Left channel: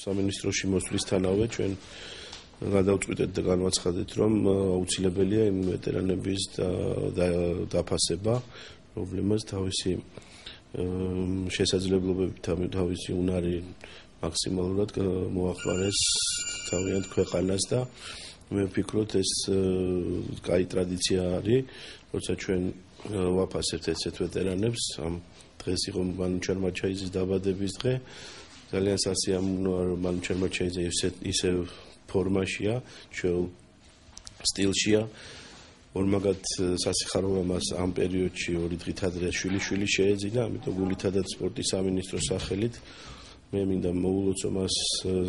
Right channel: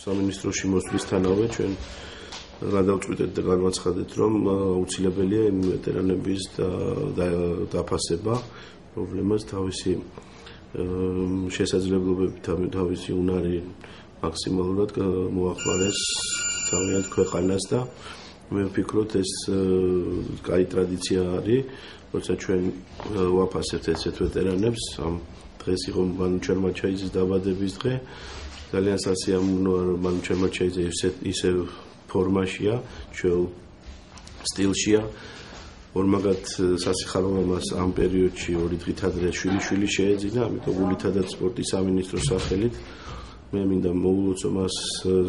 სამინისტროში მოსვლისთანავე ჩვენ გადავწყვიტეთ და განვაცხადეთ, რომ აუცილებელია იმ ვეტერანების დაფასება, პრობლემას თავისი შესაძლებლობებით, თავისი უნარი მაქსიმალურად მოახმარეს თავიანთ ქვეყანას და მე ვფიქრობ, ეს კაი ტრადიცია არის, როცა ჩვენ ვაფასებთ ესეთ ვეტერანებს, ამ დღეს იყო მანუ ჩერმაჩაიძის დაბადების დღე, ძალიან სასიამოვნოა, რომ მანუ ჩერმაჩაიძე ისევ ფორმაშია, ჩვეულ სტილშია. ორმაგად სასიხარულო მას ამ პერიოდში ორი დღით ადრე შვილი შეეძინა, ამიტომ გულითადაც სპორტის სამინისტროს სახელით მე მინდა მოვულოცო მას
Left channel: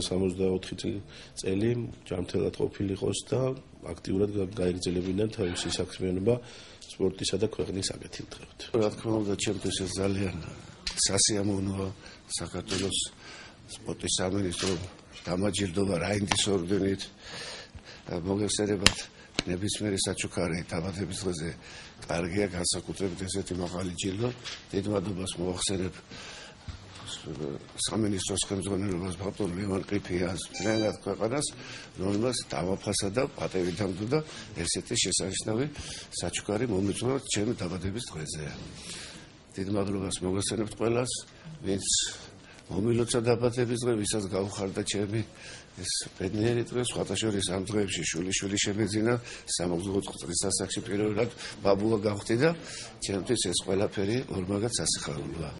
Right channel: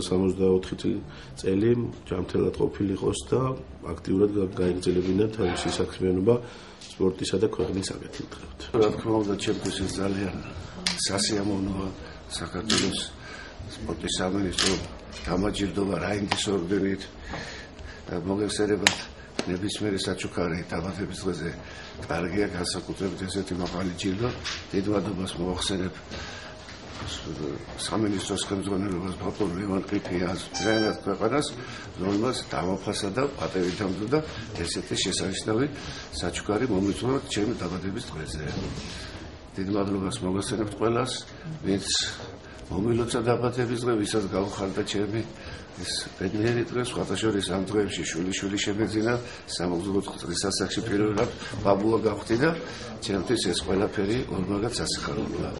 64 წელი ჯანმრთელად ყოფილიყოს და აქტიურად გაეგრძელებინა თავისი საქმიანობა სპორტისა და ქვეყნის საკეთილდღეობით. რა თქმა უნდა, ჩემთვის ეს ძალიან სასიამოვნოა საქართველოს სპორტის სამინისტრო დამაჯილდოვა რაინდის ორდენით მოგეხსენებათ ნებისმიერი საჩუქარი დაბადების დღეზე კარგია განსაკუთრებით ესეთი მაღალი ჯილდო. დიდ მადლობას მოვახსენებ სამინისტროს ხელმძღვანელობას ბატონ ლევან ყიფიანს, ძალიანად ქვეყანას, რომელმაც დამაფასა და პატივით ამბობდა ესეთი შესანიშნავი საჩუქარი მომიწვევად ჩემი დაბადების დღეზე. დიდ მადლობას მოგახსენებთ ყველას, ვინც მომილოცა დაბადების დღე, ვისაც გავხარდა ჩემი ეს ბედნიერი დღე, სხვათა შორის ამ დღეებში შვილი შემეძინა, სამოგზაურო წრის სასახლეში პირველად ბაბუა გავხდი და ჩემთვის ეს ყველაფერი ორმაგად სასიხარულოა.